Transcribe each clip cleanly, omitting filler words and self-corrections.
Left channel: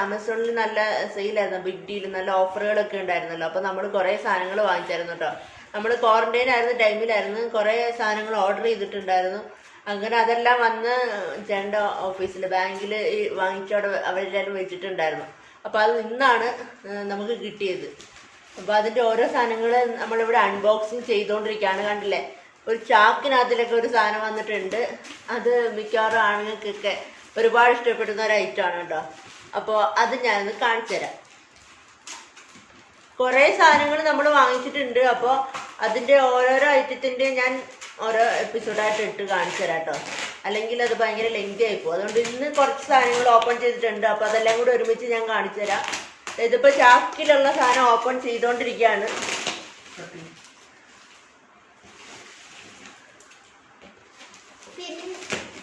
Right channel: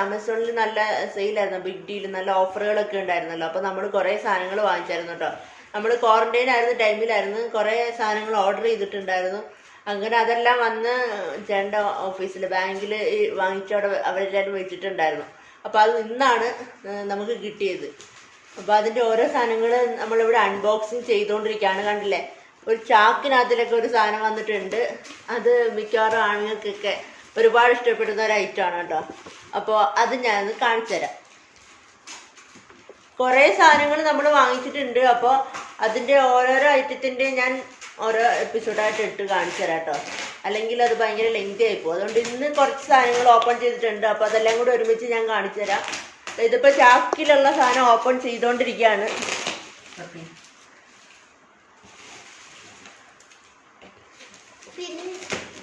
ആമസോണിൽ നല്ല സെയിലായിരുന്നു, big deal, നല്ല ഓഫറുകളൊക്കെ ഉണ്ടായിരുന്നല്ലോ. അപ്പോൾ നമ്മൾ കുറേ സാധനങ്ങൾ വാങ്ങിച്ചായിരുന്നു കേട്ടോ. നമ്മൾ ക്വാറന്റൈൻ ആയിരുന്ന ടൈമിലായിരുന്നു കുറേ സാധനങ്ങൾ ഓർഡർ ചെയ്തിട്ടുണ്ടായിരുന്നു. അങ്ങനെ അതെല്ലാം വന്ന് ചേട്ടൻ്റെ ഓഫീസിൽ ബാങ്കിൽ വാങ്ങിച്ചവിടെ അവരെല്ലാവരും വെച്ചിട്ടുണ്ടായിരുന്നു. അപ്പോൾ അത് ഇന്നാണ് നമുക്ക് കിട്ടിയത്. അപ്പോൾ അതിൻ്റെ ഓരോ സാധനങ്ങൾ നമ്മളിവിടെ അൺബോക്സിങ് ചെയ്തുകൊണ്ടിരിക്കുകയാണ്. കണ്ടില്ലേ, ഒരു ചാക്കിനകത്തിലൊക്കെ ഒരു സാധനം വന്നിട്ടുണ്ട്. അത് മിക്കവാറും ആണുങ്ങൾക്കൊക്കെ ഒരുപാട് ഇഷ്ടപ്പെടുന്ന ഒരു ഐറ്റമാണ് കേട്ടോ. അപ്പോൾ അത് ഞാനൊന്ന് കാണിച്ചു തരാം. കുറേ സാധനങ്ങൾ നമ്മൾ വാങ്ങിച്ചിട്ടുണ്ട്. അപ്പോൾ അതിൻ്റെ ഓരോരോ ഐറ്റത്തിൻ്റെ ഞാൻ ഓരോ എപ്പിസോഡായിട്ട് ഇട്ട് കാണിച്ചു തരാം കേട്ടോ. അല്ലെങ്കിൽ അത് ഭയങ്കര ലെങ്തി ആയിപ്പോകും. അതുകൊണ്ട് ഇന്ന് കുറച്ച് സാധനങ്ങൾ ഓപ്പൺ ചെയ്തിട്ടുണ്ട്. അപ്പോൾ അതെല്ലാം കൂടി ഒരുമിച്ച് ഞാൻ കാണിച്ചു തരാം. ഇതിപ്പോൾ ചാക്കിലുള്ള സാധനം ഓപ്പൺ ചെയ്തുകൊണ്ടിരിക്കുകയാണ്.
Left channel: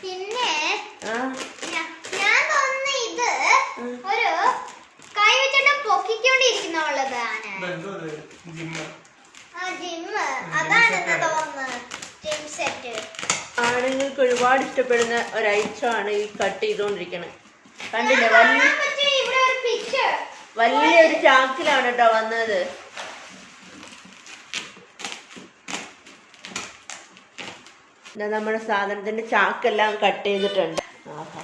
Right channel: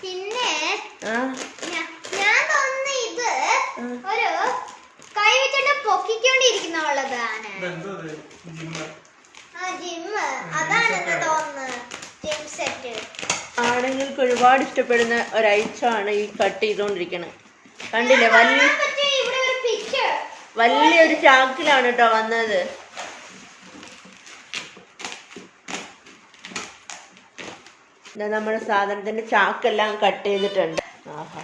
പിന്നെ ഞാൻ തോന്നുന്നു ഇത് ഒരു കൈ വെച്ചിട്ട് പൊക്കിക്കൊണ്ടിരിക്കുന്നതാണ്. ആണുങ്ങൾക്ക് ഒരുപാട് ഇഷ്ടപ്പെടുന്ന ഒരു ഐറ്റമാണ് ഈ കട്ട് ചെയ്തുകൊണ്ടിരിക്കുന്നത്. കണ്ടില്ലേ, വലിയൊരു ചാക്കിലാണ് കേട്ടോ വന്നത്. നമ്മുടെ സാധനത്തിന്റെ ചാക്കെല്ലാം കട്ട് ചെയ്തിട്ടുണ്ട്. ആഹാ,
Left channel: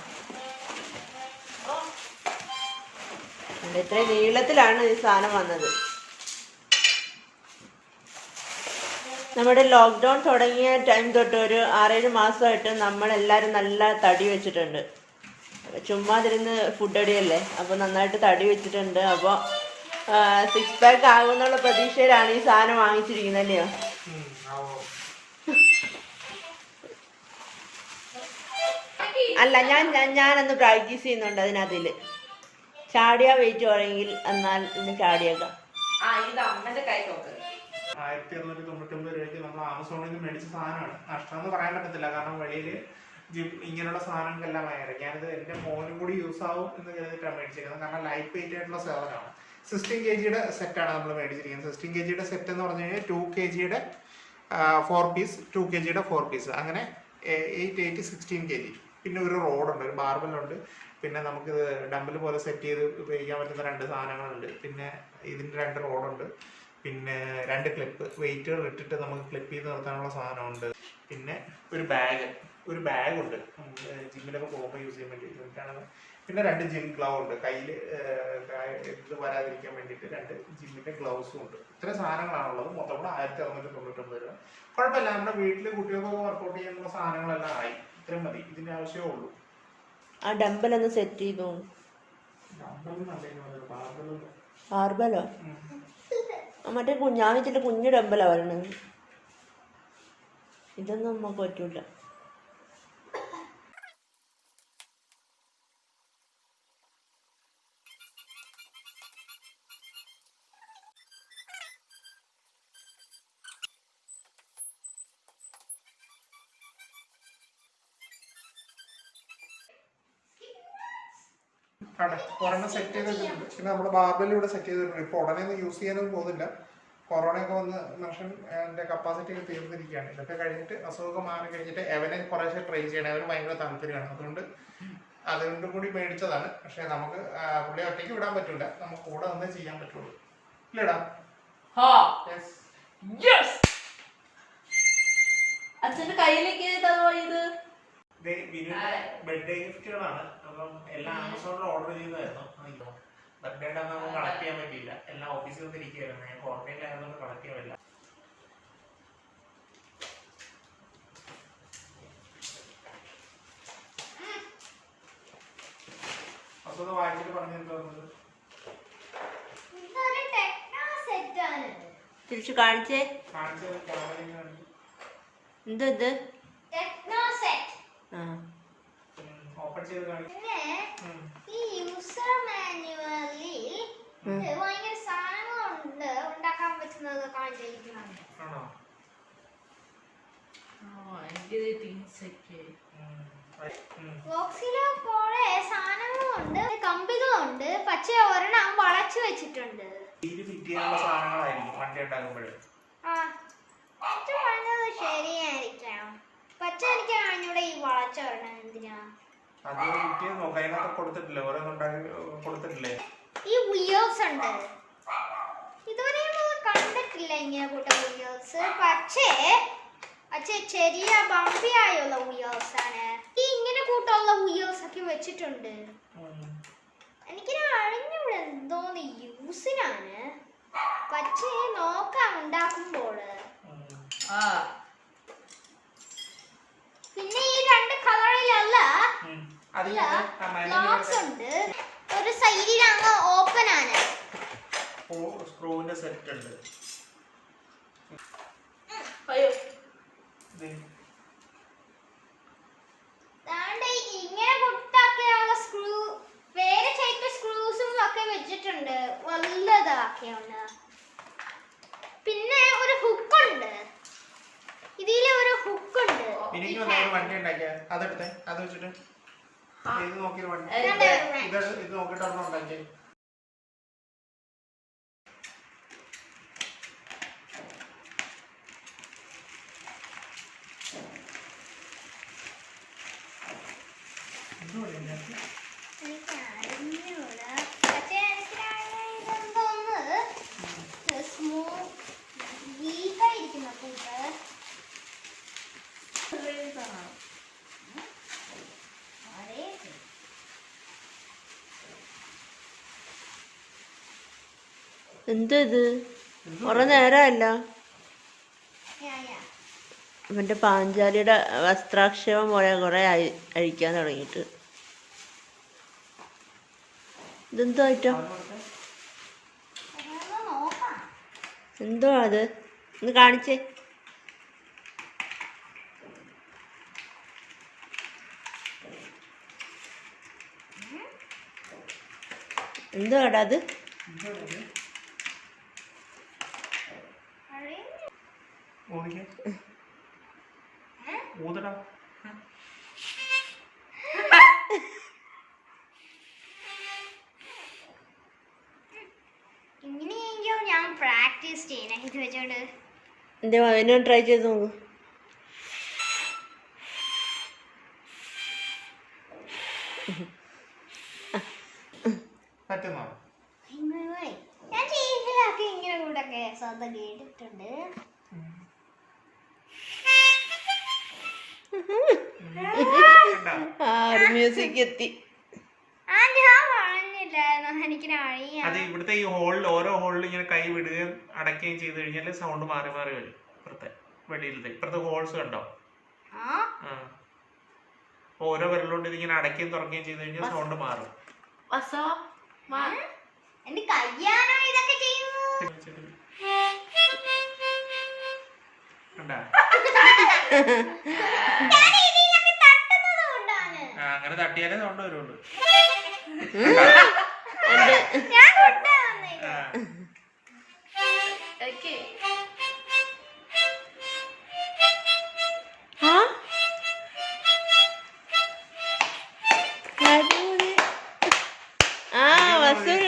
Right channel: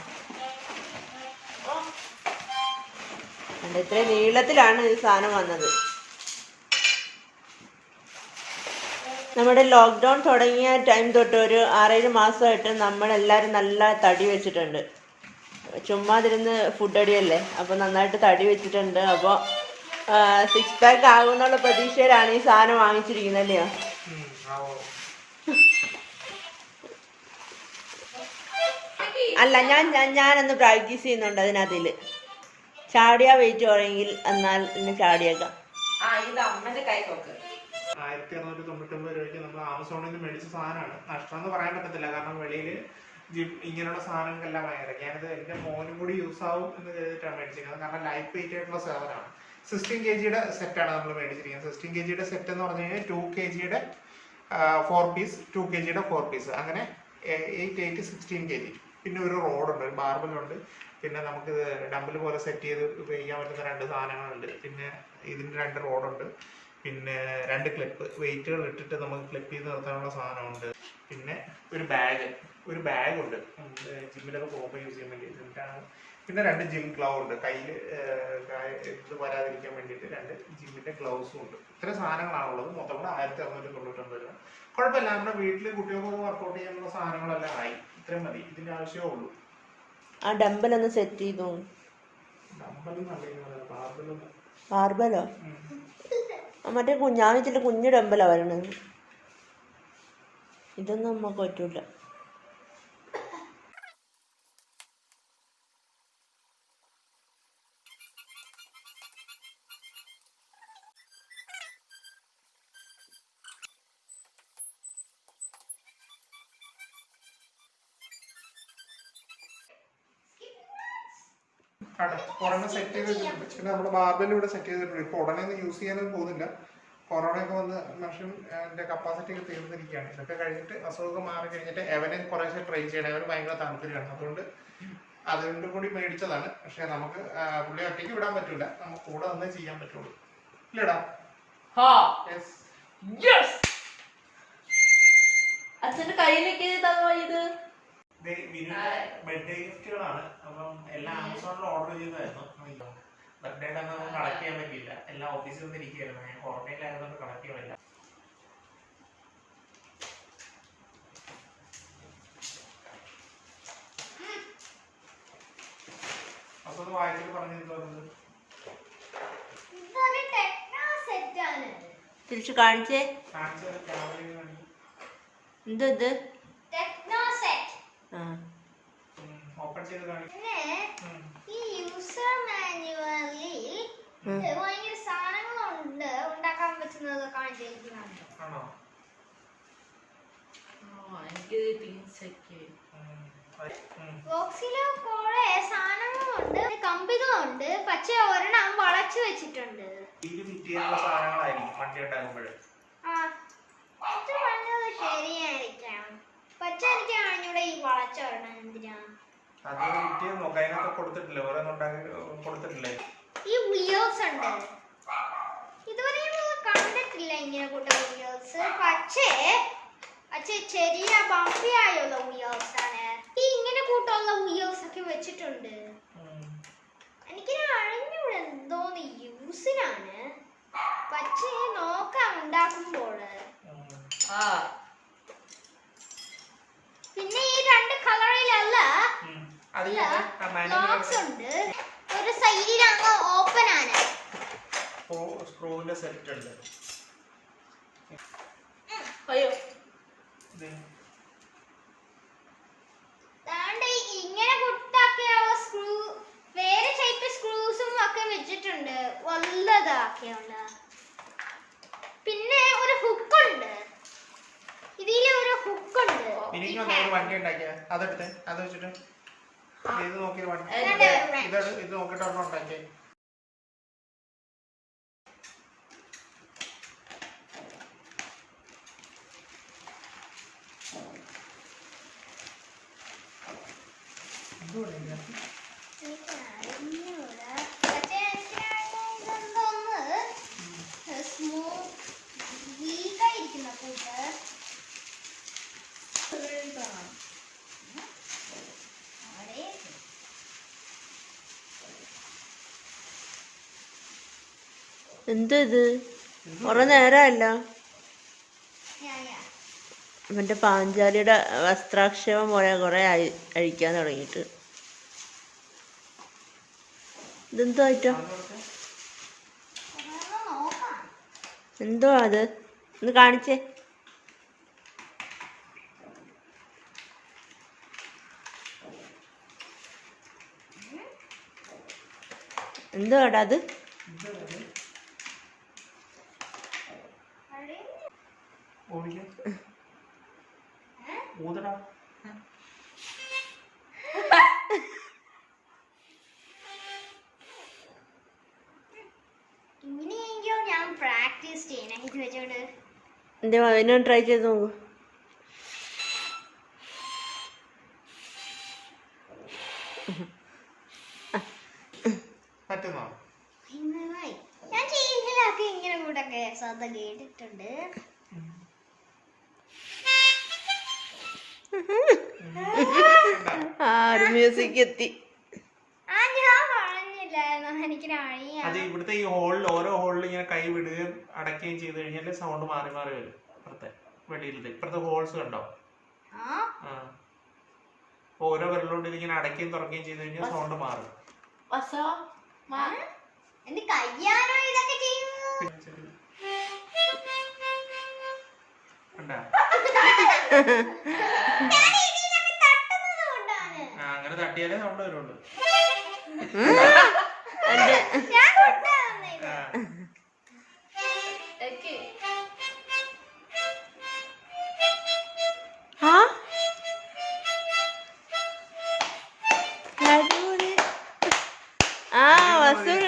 ഇത്രയും നീളത്തിലാണ് ഈ സാധനം വന്നത്. നമ്മുടെ ലോക്ക്ഡൗൺ തുടങ്ങിയ ടൈം തൊട്ട് ഒരു 6-7 മാസമായിട്ട് നമ്മളെല്ലാവരും നല്ല തടി വെച്ചിട്ടുണ്ട്. ചുമ്മാതിരുന്ന് ഫുഡ് അടിയല്ലേ, അപ്പോൾ നന്നായിട്ട് തടി വെച്ചിട്ടുണ്ട്. അപ്പോൾ 6 പാക്ക് ആകുമെന്നുള്ള പ്രതീക്ഷയിലാണ് ഈ സാധനം വാങ്ങിച്ചിരിക്കുന്നത്, അല്ലയോ? അല്ല, ഞാനൊന്ന് പ്രാക്ടീസ് ചെയ്യുന്നുണ്ട് അതിനകത്തിൽ. ചാടിയാ വെയിറ്റ് വേണമെങ്കിൽ എന്നാൽ ഇന്ന് ചാടിയേക്കാം. 1699 രൂപയ്ക്ക് നമ്മൾ ആമസോണിൽ നിന്ന് മേടിച്ച സാധനമാണ്. നഷ്ടമെന്ന് പറയാൻ പറ്റത്തില്ല, കാരണം വെളിയിൽ ഇങ്ങനെയുള്ള സാധനങ്ങൾക്കെല്ലാം ഭയങ്കര. ഞാനിത് എൻ്റെ മോനും കൂടി യൂസ് ആവും എന്ന് കരുതിയിട്ടാണ് മേടിച്ചിരിക്കുന്നത്. കാരണം ലൈറ്റ് വെയിറ്റ് ആയിട്ടുള്ള സാധനമാണ്. 16 kg സെറ്റാണ് നമ്മൾ മേടിച്ചിരിക്കുന്നത്. 16 kg സെറ്റ് എന്ന് പറഞ്ഞു കഴിഞ്ഞാൽ 2 kg 4 പീസ്, 2 kg 4 പീസ്, അങ്ങനെ 8, 8, 16 kg. പിന്നെ ഒരു റോഡുണ്ട്, ഒരു ബാർബലുണ്ട്. പിന്നെ നമുക്ക് ഡംബൽ പോലെ സെറ്റ് ചെയ്ത് ഉപയോഗിക്കാൻ പറ്റുന്ന 2 സാധനങ്ങളുണ്ട്. പിന്നെ ഇതിൻ്റെ 2 റോഡുണ്ട്. പിന്നെ 2 ക്ലിപ്പ്, വെയിറ്റുകൾ ഇട്ടിട്ട് നമുക്ക് ക്ലിപ്പ് ചെയ്ത് നിർത്താനുള്ള സാധനമുണ്ട്. പിന്നെ ഒരു ബാഗുണ്ട് ജിമ്മിലൊക്കെ പോകുമ്പോൾ യൂസ് ചെയ്യാൻ വേണ്ടി. പിന്നെ 2 ജിം ഗ്ലൗ ഉണ്ട്, കയ്യിൽ ഇത് വരാതിരിക്കാൻ വേണ്ടിയിട്ട് 2 ജിമ്മിൻ്റെ ഗ്ലൗസും ഉണ്ട്. ഇത്രയും സാധനങ്ങളാണുള്ളത്. മൊത്തം കൂടെ 1699 രൂപ. കുഴപ്പമില്ല, നമ്മുടെ വീട്ടിൽ കുട്ടികൾക്കൊക്കെ വർക്കൗട്ട് ചെയ്യാനുള്ള സാധനങ്ങളെല്ലാം ആയി. ഇത്രയും മതി, ഇതിൻ്റെ ആവശ്യമേ ഉള്ളൂ. ആ ഡംബലൊന്ന് സെറ്റ് ചെയ്തു. ബാർബലോ? മറ്റേ ഞാൻ വെച്ചിട്ട് കുഞ്ഞു ഡംബലാ വരണത്. ഇതൊന്നും നമുക്ക് പറ്റൂല. ഒരെണ്ണം സെറ്റ് ചെയ്ത് വെച്ചിട്ടുണ്ട്. പിന്നെ നമ്മുടെ ബാർബെല്ലാം ഇവിടെ സെറ്റ് ചെയ്തിട്ടുണ്ട്. ഇപ്പോൾ ഉടനെ ഒന്നും യൂസ് ചെയ്യാനൊന്നും പോകുന്നില്ല. കൊറോണയൊക്കെ വന്ന് മനുഷ്യൻ്റെ കപ്പാസിറ്റി ഒക്കെ തീർന്നിരിക്കുകയാണ്. ഇതൊക്കെ കഴിഞ്ഞിട്ട് അസുഖമൊക്കെ മാറി കഴിഞ്ഞിട്ട് അവനെ കുറേശ്ശെ ട്രൈ ചെയ്യണം. അവന് ഭയങ്കര താല്പര്യമാണ്. അതുകൊണ്ട് കൂടി മേടിച്ചതാണ്. പക്ഷെ നമുക്ക് പുള്ളി ഒറ്റയ്ക്ക് വിടാൻ പറ്റൂല, നമുക്ക് കൂടെ വന്നേ ചെയ്യാൻ പറ്റുള്ളൂ. ഇല്ലടാ? അച്ഛന്റെ കയ്യിലേക്ക് ബർത്ത്ഡേ ഗിഫ്റ്റുകളാണ്. അപ്പം എല്ലാം ആമസോണിൽ ഓർഡർ ചെയ്തായിരുന്നു. ബർത്ത്ഡേ നമുക്ക് കളക്ട് ചെയ്യാൻ പറ്റിയില്ല, എല്ലാം ഓഫീസിൽ നിന്ന് ഇരിക്കുകയായിരുന്നു. ഞാൻ ക്വാറന്റൈനിലായതുകൊണ്ട് കളക്ട് ചെയ്യാൻ പറ്റില്ല. അപ്പൊ അത് വായിച്ചിട്ട് പറഞ്ഞിരുന്നത് തിരിച്ചു കാണിച്ചേ. എന്തത്? ഓപ്പൺ ചെയ്ത് കാണിക്കും. ഈ യൂസർ മാനുവലിൽ ഭയങ്കര സാധനങ്ങളുണ്ട് ഉണ്ടാക്കാൻ പറ്റുന്നത് കാണിച്ചിരിക്കുന്നുണ്ട്. ആണോ? ബോക്സില് കുറെ സാധനങ്ങളുണ്ട്, കമ്പികളുണ്ട്. പക്ഷെ ഒരെണ്ണം വളച്ചു വെച്ചിട്ടുണ്ട്. സാധനങ്ങളായിരിക്കും വണ്ടി ഉണ്ടാകുമ്പോൾ. ശരിയായിരിക്കാം. പക്ഷെ എനിക്ക് അറിഞ്ഞൂടെ ഈ വളച്ച ഒരെണ്ണം എന്തിനാ. അത് കിട്ടിയ നോക്കാം, അതിനകത്ത് കൊടുത്തിട്ടില്ലേ, ഓരോന്നും ഉണ്ടാക്കി കൊടുത്തിട്ടില്ലേ? ഈ വീഡിയോസ് ഉണ്ട്, ഇതുവരെ കണ്ടിട്ടില്ല ഇങ്ങനെ കൂട്ട വീഡിയോസ്. പക്ഷേ ചെറിയ ബമ്പിയായുള്ള വീഡിയോസ് ആണ് ഈ ഇങ്ങനെ കൂട്ടുള്ള വീഡിയോസ് ഒക്കെ വെച്ചിട്ടുണ്ട്. എനിക്ക് അറിഞ്ഞൂടെ എന്തോന്ന് യൂസിനാണ്, പക്ഷേ നോക്കാം ഉണ്ടാക്കുമ്പോൾ. പിന്നെ ഈ രണ്ട് കളറിലല്ല ബോക്സ് ഉണ്ട്, ഒരു സൈഡിലാണ് ഓപ്പൺ ആണ്. സ്ക്രൂവിന്റെ സെറ്റ് ഉണ്ട്. അയ്യോ ഇങ്ങനെ കുട്ടാക്കിയുള്ള സ്ക്രൂ, വേറെ ടൈപ്പ് സ്ക്രൂസും ഒക്കെ വെച്ചിട്ടുണ്ട്, വലുതാക്കിയുണ്ട്. പിന്നെ ഒരു ഹുക്ക് ഉണ്ട്, ഇതിൽ ഒരു ഹുക്ക് ഉണ്ട്. എനിക്ക് ഒരു വണ്ടി ഉണ്ടാക്കിയ അതെടുത്തേ, അത് വെച്ചിട്ട് ഇത് നോക്കി വണ്ടി ഇത് നോക്കിട്ട് ഒരെണ്ണം ഉണ്ടാക്കിയേ. വീക്കായിരിക്കുന്ന കൂട്ട് എന്താ ഇത്? കുറെ നേരമല്ല അവന്റെ പാഞ്ചാലിയുടെ വസ്ത്രാക്ഷേപം പോലെ കുറെ അഴിക്കാൻ തുടങ്ങിയിട്ട്. ഇതെന്തോ ആയിട്ടോ? എന്തോ അത്? ഒന്ന് കാണിച്ചേ. എന്തോ ആടാ അത്? ഊതടാ. ഇങ്ങനെയെങ്കിലും ഞാൻ പ്രാക്ടീസ് ചെയ്യണം ഇത് വെച്ചോണ്ട്. എന്റെ മകനോ ട്രൈ ചെയ്ത് നോക്കൂ. പറ്റുന്നോ? ഞാൻ ചെയ്യുമ്പോഴൊക്കെ ഇങ്ങനെ കൂടൊക്കെ ശ്രദ്ധ കേട്ടിട്ടുണ്ട്. ഒരു മ്യൂസിക് എത്തി. അത് ഇവിടുത്തെ ഈ ഹോളിൽ ഓരോ ഹോളിൽ ഇങ്ങനെ കൈ വിടുകയും അടയ്ക്കുകയും ചെയ്ത് കഴിഞ്ഞാൽ സൗണ്ട് മാറി മാറി വരും. ഇപ്പുറത്തെ വെളിയിലത്തെ ഇപ്പുറത്തെ ഹോൾസ് കണ്ടോ? ഓരോ വിരലുകൊണ്ട് ഇതിങ്ങനെ അടയ്ക്കുകയും തുറക്കുകയും ചെയ്ത് കഴിഞ്ഞാൽ സൗണ്ട് മാറും. എന്റെ കയ്യാണോ ഇതൊക്കെ ചെയ്യുന്നത്? അങ്ങനെ തട്ടിയാലേ സൗണ്ട് വരുള്ളൂ.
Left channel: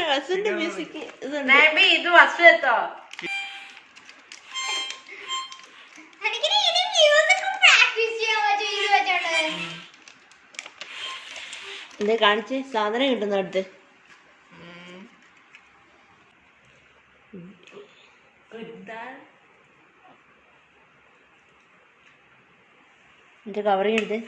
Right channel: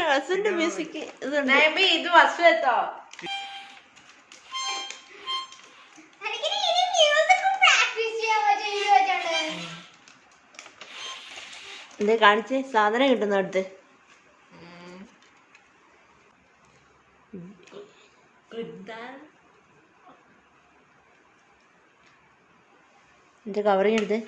വസുന്റെ മ്യൂസിക് ഇത് വസു എത്തോ? എന്തേ കാണിച്ച് സാധനം കിട്ടുന്ന അടുത്ത് എന്റെ കവറിങ് എടുത്ത്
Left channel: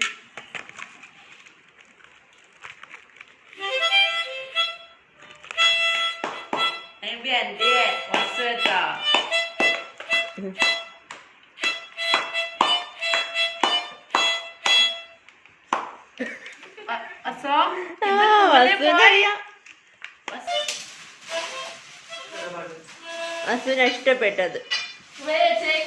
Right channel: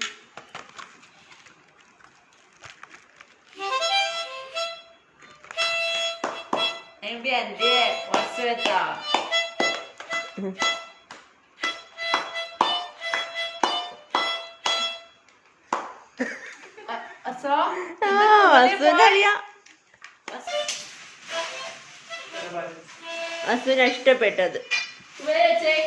വസുവിനറിയാം. വസുവിന് ഇഷ്ടപ്പെട്ടത്. മ്യൂസിക്